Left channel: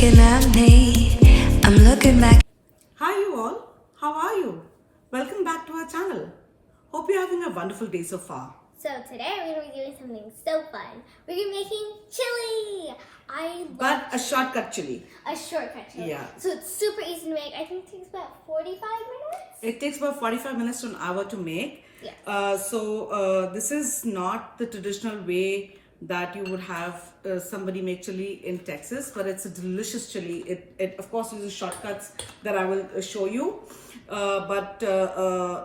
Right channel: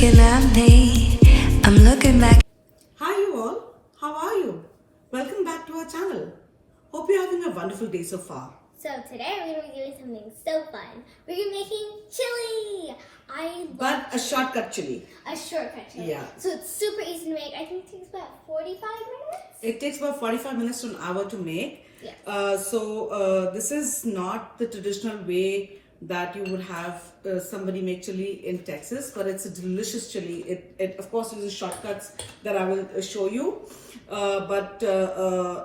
looking at me. I'm looking back. Hi you all, how are you? Welcome back to our channel. Hope you're having a wonderful day so far. So today we're going to be doing something so fun. We're going to be making chili. But a shortcut chili. A shortcut chili. Yeah. So it's super easy to make. I think it takes about 45 minutes. It takes about 45 minutes to an hour to make. Yeah. This is not the traditional way that you would have somebody make chili in Texas, but it's a delicious chili. It of course uses shortcuts that I will show you, but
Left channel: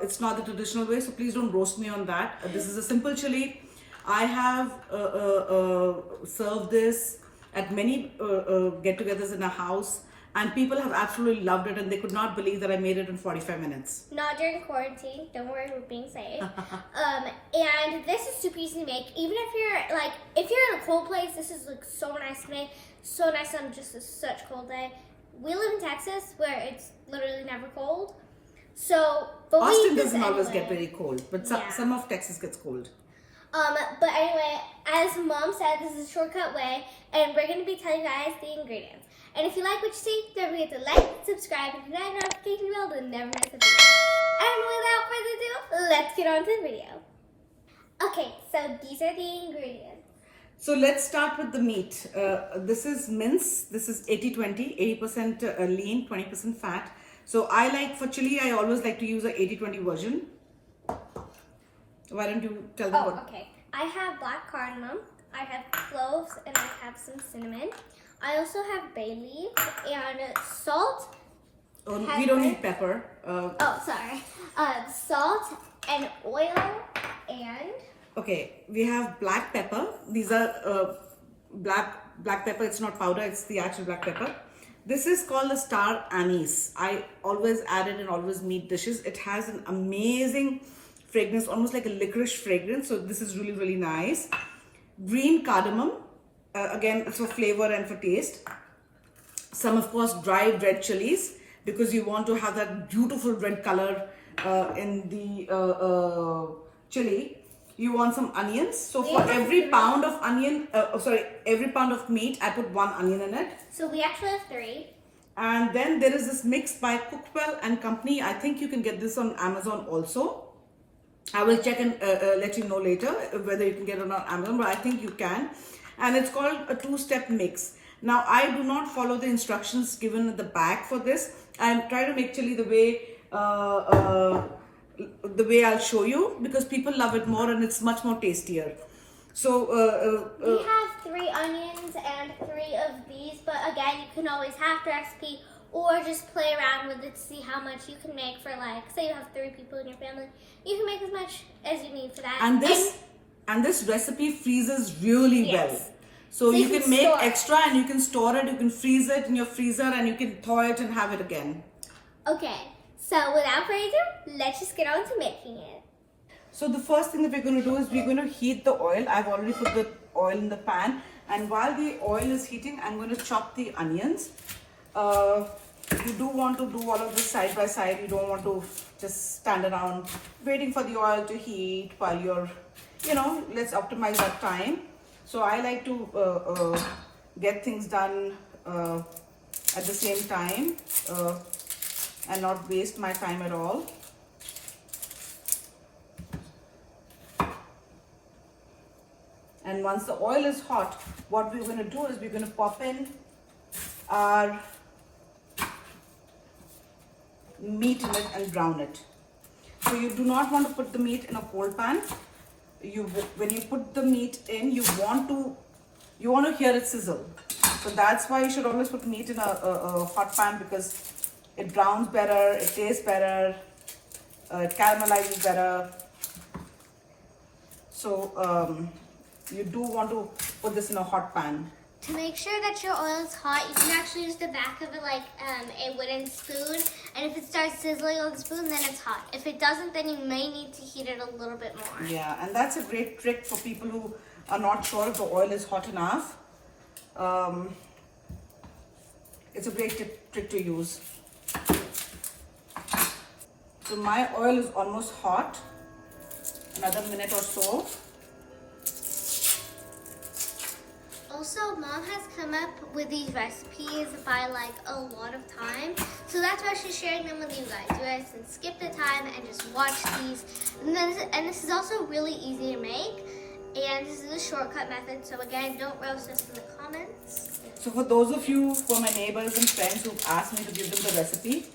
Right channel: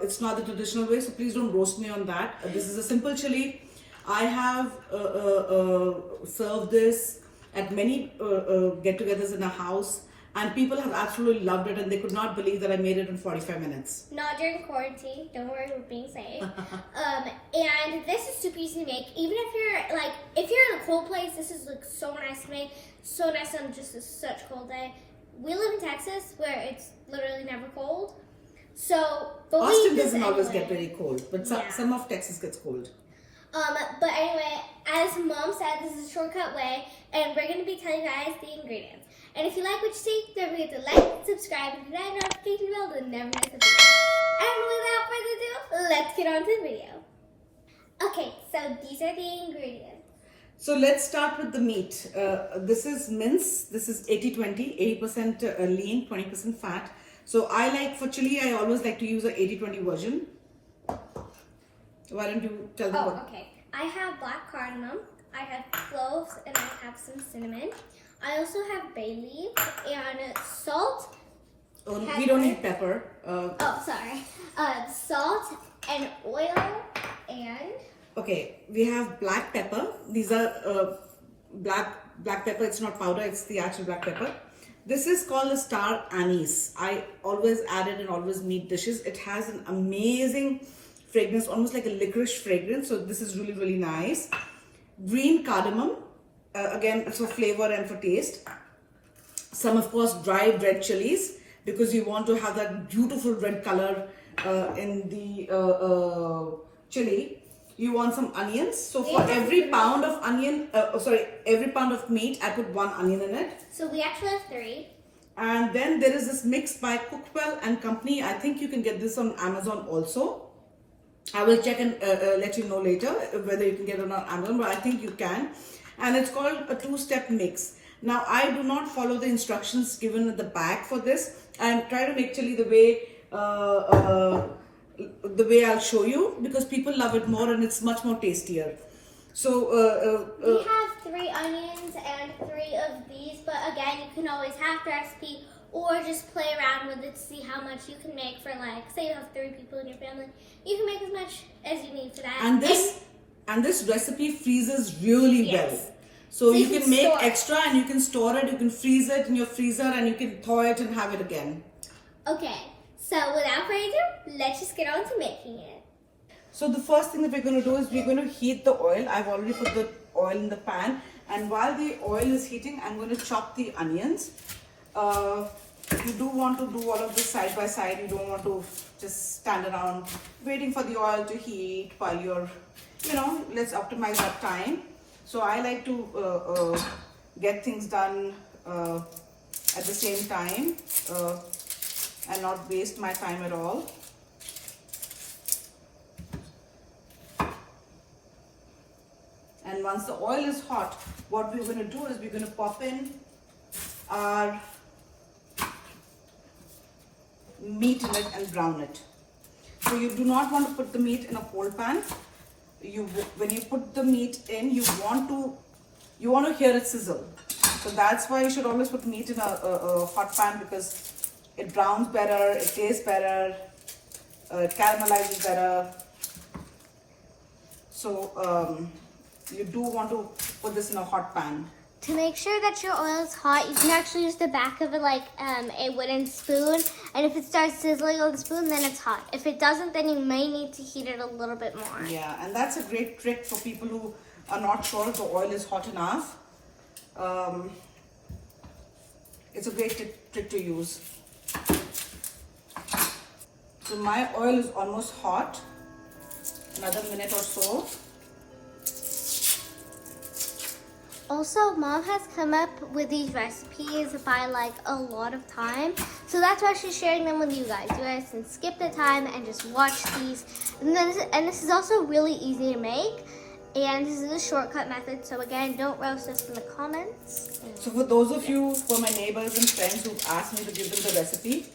it's not the traditional way, so please don't roast me on that. This is a simple chili. I have served this at many get-togethers in a house, and people have absolutely loved it, and they could not believe that I made it in 45 minutes. Not during quarantine. Don't worry, we're being safe. And this is super easy to make. Even if you're in a cold place, this is like so nice to make. So nice on just such cold day. We live in Texas where it's literally never cold. So Austin doesn't always get very cold, but some of Texas gets cold. But anyway, as Mom said, this is a shortcut way, and we're going to be telling you guys the ingredients. And if you like what you see, don't forget to like, subscribe, and hit that notification bell to never miss a video. And without further ado, let's get on to the video. Okay, so these are the ingredients. So let's start with the meat. This is mince. This is 80-20, 80% lean, 20% fat. So for chili, I always like to use a 80-20 version. Why don't you tell them what? Okay. I have black cardamom, I have cloves, and I have some cinnamon. I also have bay leaf and salt. Oh, we don't need pepper. Salt and oil and... Okay, we have black pepper. These are black pepper. It's not powder, it's the actual black pepper. This is called the star anise. I always add it in always meat dishes. It has an amazing fragrance, almost like a licorice fragrance. So this is really, really nice. Green cardamom. Again, it's for flavor and for taste. Some, of course, dried red chilies, because you want to have that beautiful red color in the chili. You want some onions. So for every pound of every pound of meat, I put 1 onion in it. So we actually have 3. And then there is this mix by Cookwell and Company. I think you can get this on Amazon also. I will check and let you know later whether you can get it on Amazon, but I think you can. And it's called a 2-step mix. Now, I do not follow the instructions given at the back for this. I try to make chili the way I'll show you, because people love it more and it's much more tastier. So we have 3 onions and 3 of these, but again, you can always hack the recipe or just play around with it to see how much you can make for, say you have 3 people in your family. You can make as much as you need for that. And this recipe freezes really well. So you can make extra and you can store it, you can freeze it in your freezer, and you can thaw it and have it again. Okay, so without further ado, let's just get on to making it. So the first thing that we're going to do is we're going to heat the oil. I've already put the oil in the pan, and while the oil is heating, I'm going to chop the onions. You do want to do all of this side by side. You don't want to just stand around waiting for the oil to heat while you're, let's optimize our time. So I like to get things done at the same time and not waste my time at all. And once the oil is hot, what we're going to do is we're going to pop in our meat in it and brown it. So you do not want to put the meat in a cold pan. When you put the meat in, you want to hear it sizzle. So that's why you should always put meat in a hot pan, because it browns better, it tastes better, it caramelizes better. So you do want to put this in a hot pan. To make sure that your oil is hot, you can actually use the back of it like a wooden spoon. And if it starts sizzling on the spoon, then it's hot. If it doesn't, then you may need to heat it a little bit more. Yeah, and that's a great trick for people who are not sure if the oil is hot enough. It's a great trick to use. So my oil is almost hot. Another minute or so. Also, Mom has come up with these recipes by like a lot of time. So that's why she's sharing them with you guys. You guys can skip the time and just watch these. And this is also really easy to make. And this is a shortcut method. So again, don't roast us in the comments. So for those of you, for my neighbors and friends who've asked me to give them the recipe,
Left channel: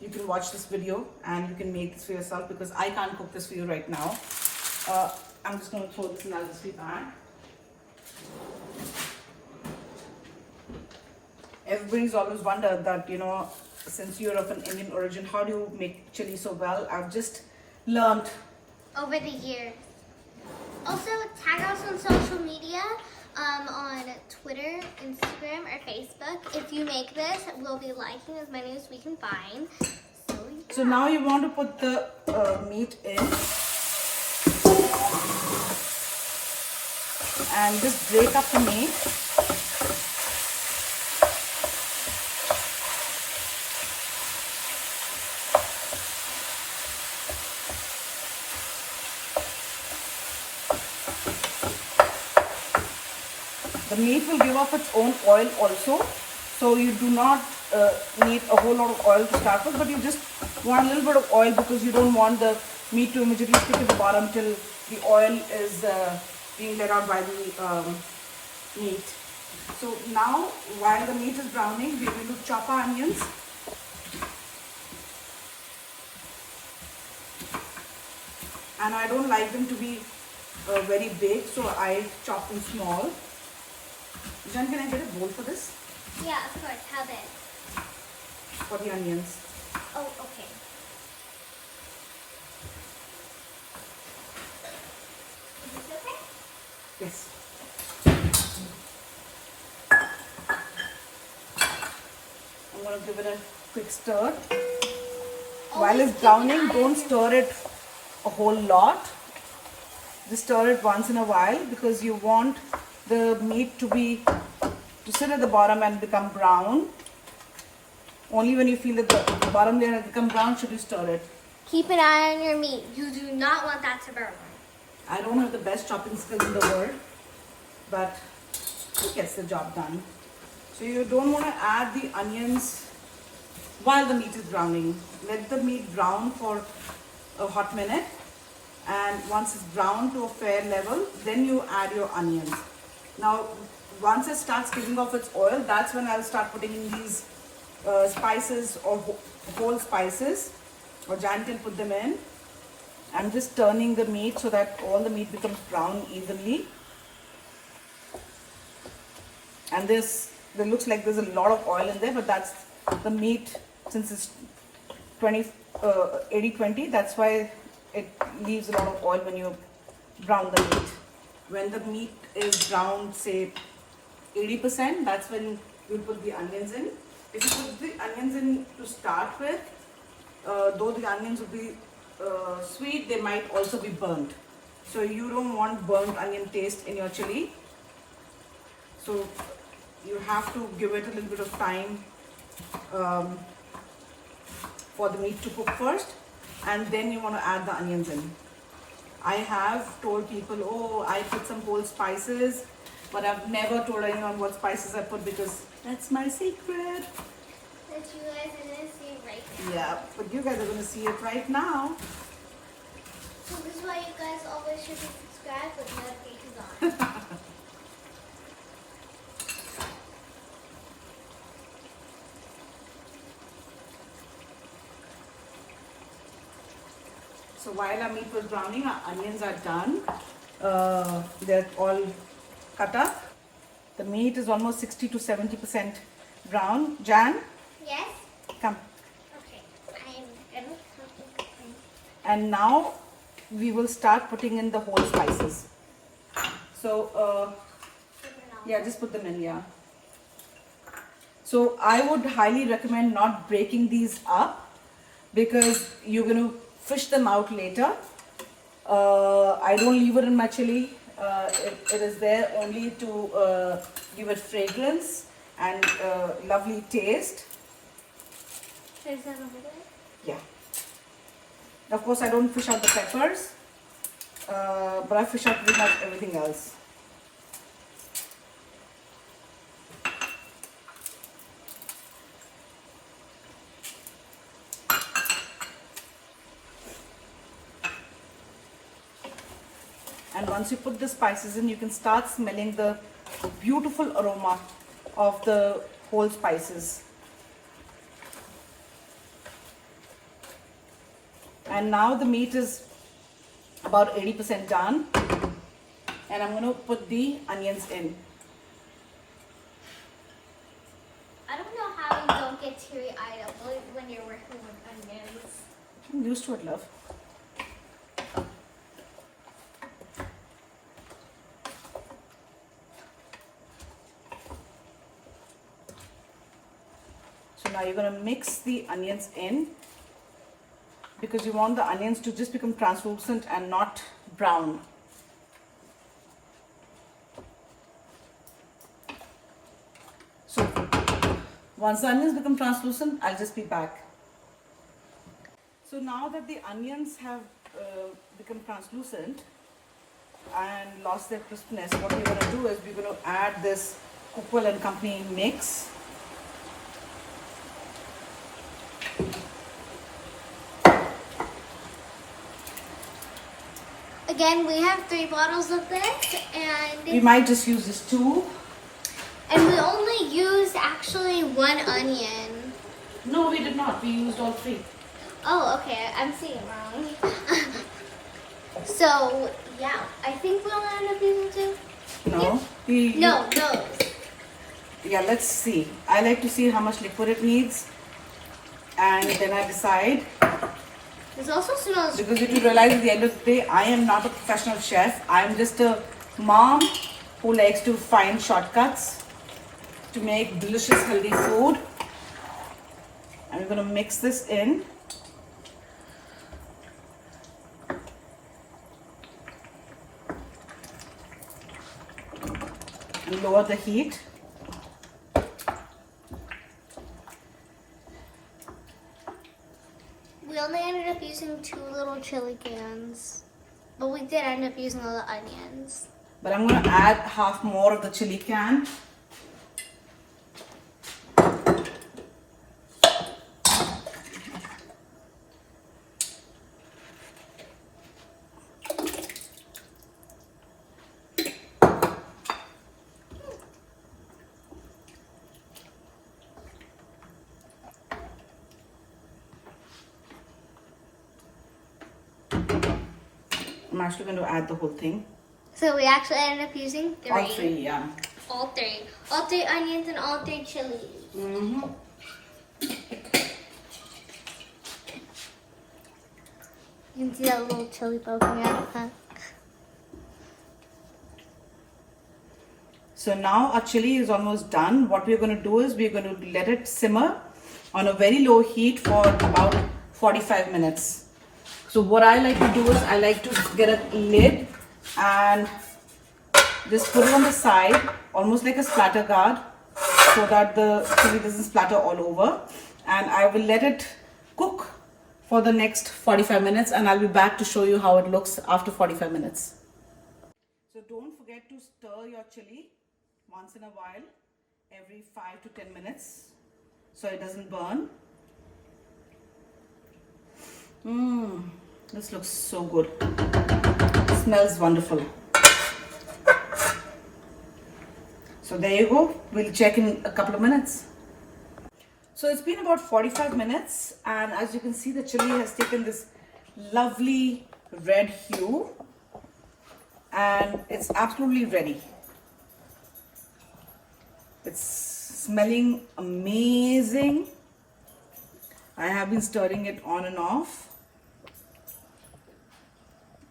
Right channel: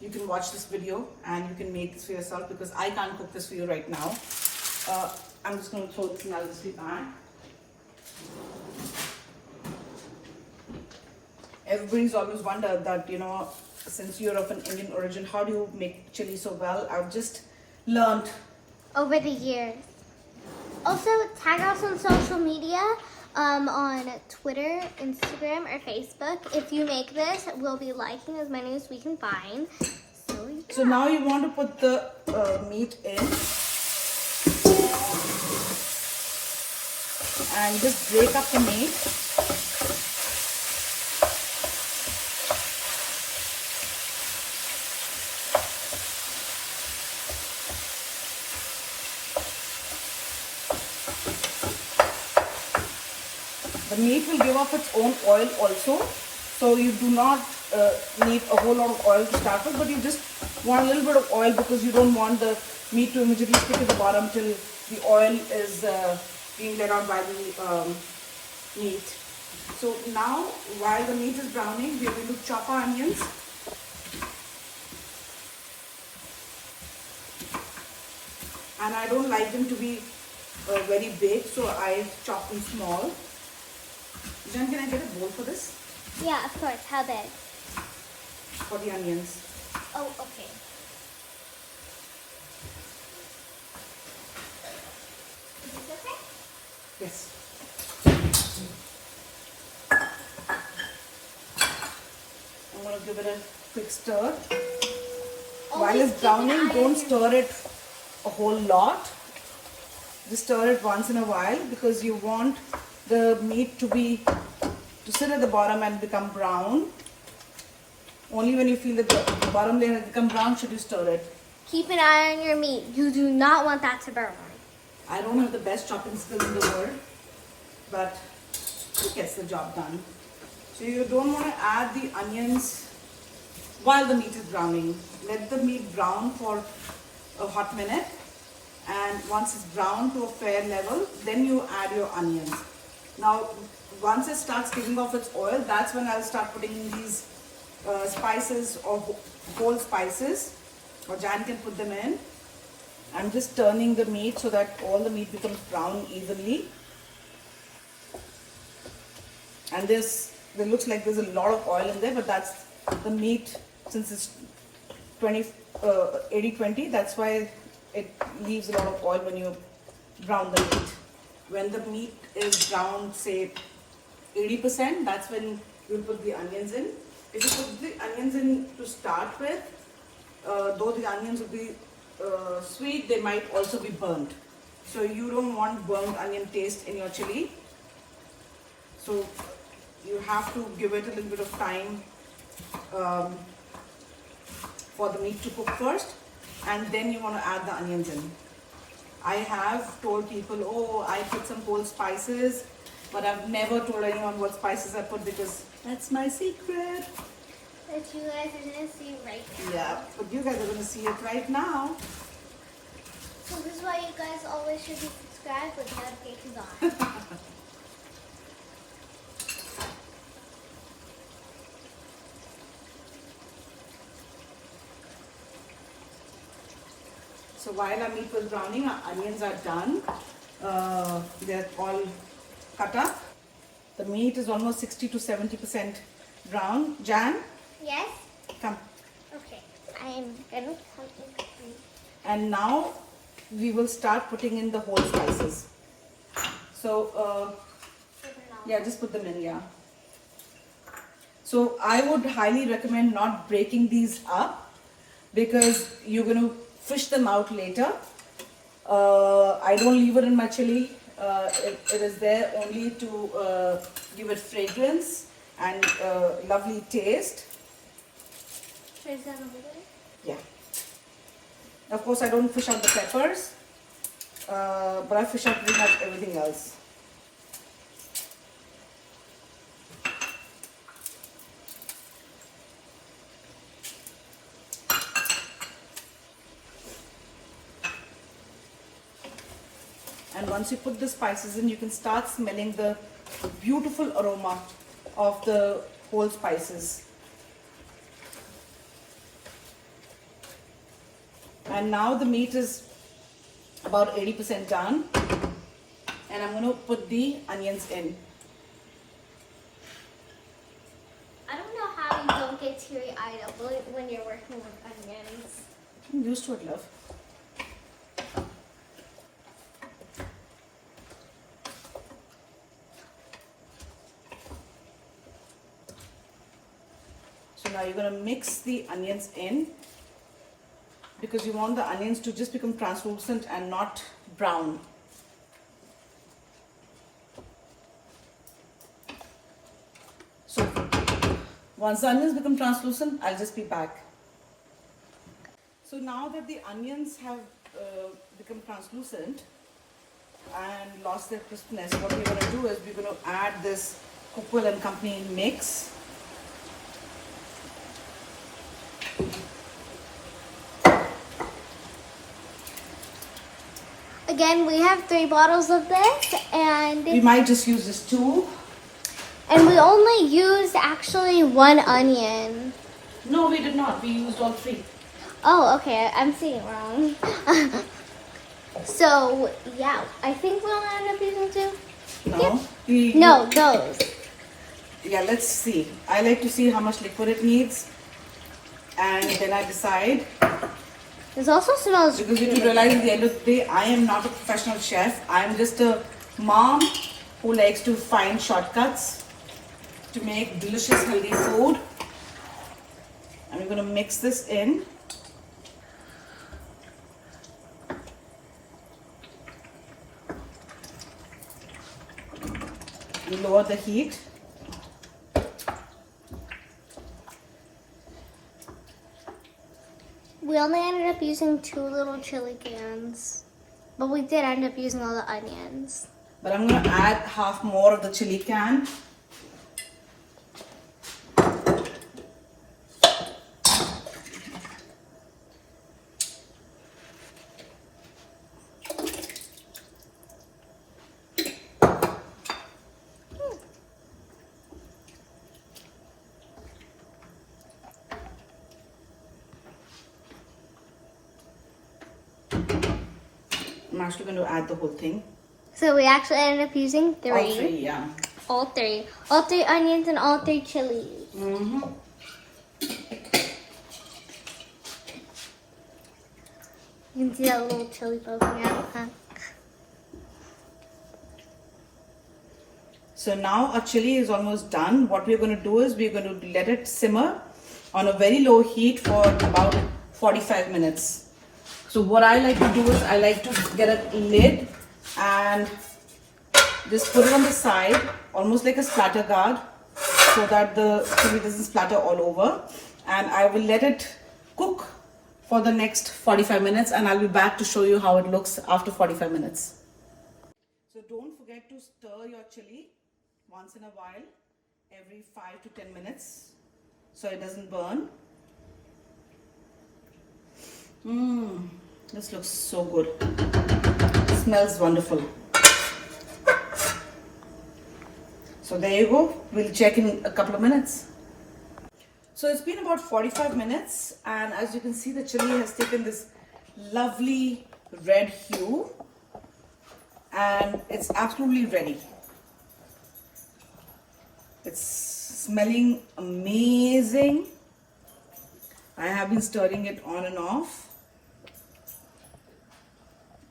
you can watch this video and you can make this for yourself, because I can't cook this for you right now. I'm just going to throw this in the recipe pan. Everybody's always wondered that, you know, since you're of an Indian origin, how do you make chili so well? I've just learned Over the years. Also, tag us on social media, on Twitter, Instagram, or Facebook. If you make this, we'll be liking as many as we can find. So now you want to put the meat in and just break up the meat. The meat will give off its own oil also, so you do not need a whole lot of oil to start with, but you just want a little bit of oil because you don't want the meat to immediately stick at the bottom till the oil is being let out by the meat. So now, while the meat is browning, we are going to chop our onions. And I don't like them to be very big, so I chop them small. Jan, can I get a bowl for this? Yeah, of course. How big? For the onions. Oh, okay. Is this okay? Yes. I'm going to give it a quick stir. While it's browning, don't stir it a whole lot. Just stir it once in a while, because you want the meat to sit at the bottom and become brown. Only when you feel that the bottom layer has become brown should you stir it. Keep an eye on your meat. You do not want that to burn. I don't have the best chopping skills in the world, but it gets the job done. So you don't want to add the onions while the meat is browning. Let the meat brown for a hot minute, and once it's brown to a fair level, then you add your onions. Now, once it starts giving off its oil, that's when I'll start putting in these spices or whole spices, or Jan can put them in. I'm just turning the meat so that all the meat becomes brown evenly. And there looks like there's a lot of oil in there, but that's the meat, since it's 80-20, that's why it leaves a lot of oil when you brown the meat. When the meat is brown, say 80%, that's when you'll put the onions in. If you put the onions in to start with, though the onions will be sweet, they might also be burnt. So you don't want burnt onion taste in your chili. So you have to give it a little bit of time for the meat to cook first, and then you want to add the onions in. I have told people, oh, I put some whole spices, but I've never told anyone what spices I put, because that's my secret. And you guys are going to see it right now. Yeah, but you guys are going to see it right now. So this is why you guys always should be subscribed with notifications on. So while our meat was browning, our onions are done. They're all cut up. The meat is almost 60 to 70% brown. Jan, Yes? come. Okay. I'm going to put it in. And now we will start putting in the whole spices. So, yeah, just put them in, yeah. So I would highly recommend not breaking these up, because you're going to fish them out later. I don't leave it in my chili. It is there only to give it fragrance and lovely taste. Is that over there? Yeah. Of course, I don't fish out the peppers, but I fish out pretty much everything else. once you put the spices in, you can start smelling the beautiful aroma of the whole spices. And now the meat is about 80% done, and I'm going to put the onions in. I don't know how you don't get teary-eyed when you're working with onions. I'm used to it, love. So now you're going to mix the onions in, because you want the onions to just become translucent and not brown. So once the onions become translucent, I'll just be back. So now that the onions have become translucent and lost their crispness, what we're going to do is we're going to add this Cookwell and Company mix. Again, we have 3 bottles of this, and We might just use this too. we only used actually 1 onion. No, we did not. We used all 3. Oh, okay, I'm seeing it wrong. So, yeah, I think we'll end up using 2. No. No, those. Yeah, let's see. I like to see how much liquid it needs, and then I decide. This also smells Because you have to realize at the end of the day, I am not a professional chef. I am just a mom who likes to find shortcuts to make delicious, healthy food. And we're going to mix this in. And lower the heat. We only ended up using 2 little chili cans, but we did end up using all the onions. But I'm going to add half more of the chili can. I'm actually going to add the whole thing. So we actually ended up using 3. All 3, yeah. All 3. All 3 onions and all 3 chilies. Mm-hmm. You can see that little chili poking out. Huh? So now our chili is almost done. What we're going to do is we're going to let it simmer on a very low heat for about 45 minutes. So what I like to do is I like to get a lid and just put it on the side, almost like a splatter guard, so that the chili doesn't splatter all over. And I will let it cook for the next 45 minutes, and I'll be back to show you how it looks after 45 minutes. So don't forget to stir your chili once in a while, every 5 to 10 minutes, so it doesn't burn. This looks so good. It smells wonderful. So there you go. We'll check in a couple of minutes. So it's been about 45 minutes, and as you can see, the chili has taken this lovely red hue, and it's absolutely ready. It's smelling amazing. I have been stirring it on and off.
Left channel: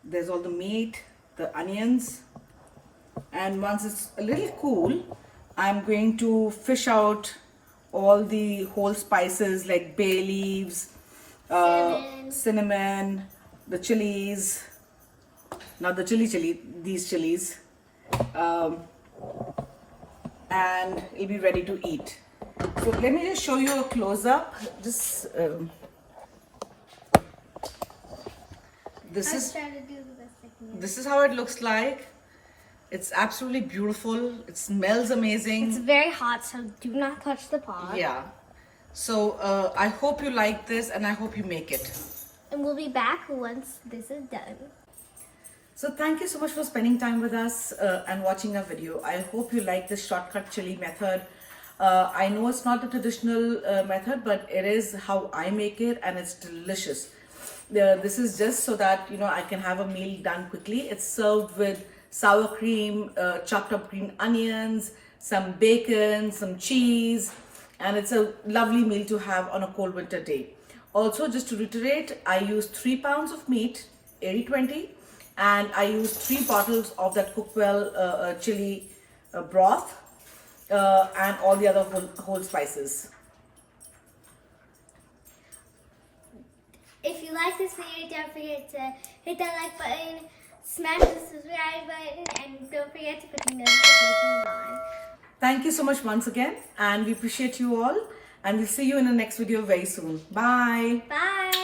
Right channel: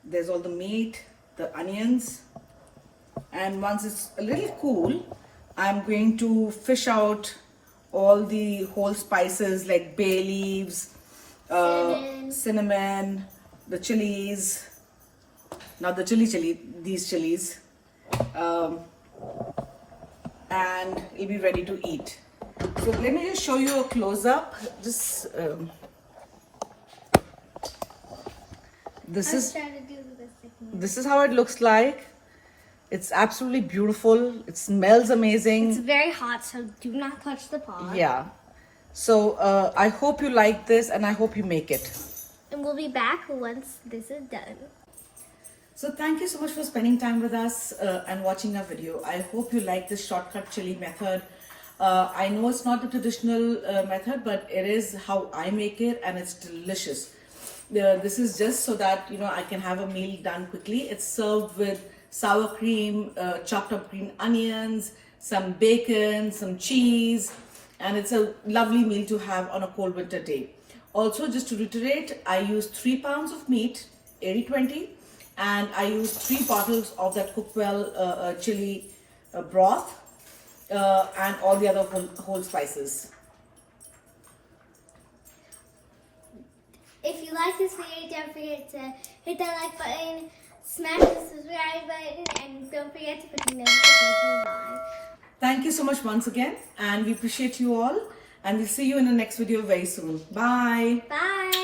There's all the meat, the onions, and once it's a little cool, I'm going to fish out all the whole spices like bay leaves, cinnamon, the chilies, not the chili, these chilies, and it'll be ready to eat. So let me just show you a close-up. Just this is how it looks like. It's absolutely beautiful. It smells amazing. It's very hot, so do not touch the pot. Yeah. So I hope you like this, and I hope you make it. And we'll be back once this is done. So thank you so much for spending time with us and watching our video. I hope you like this shortcut chili method. I know it's not the traditional method, but it is how I make it, and it's delicious. This is just so that I can have a meal done quickly. It's served with sour cream, chopped up green onions, some bacon, some cheese, and it's a lovely meal to have on a cold winter day. Also, just to reiterate, I use 3 pounds of meat, 80-20, and I use 3 bottles of that Cookwell chili broth and all the other whole spices. If you like this video, don't forget to hit that like button, smash the subscribe button, and don't forget to put the notifications on. Thank you so much once again, and we appreciate you all, and we'll see you in the next video very soon. Bye. Bye!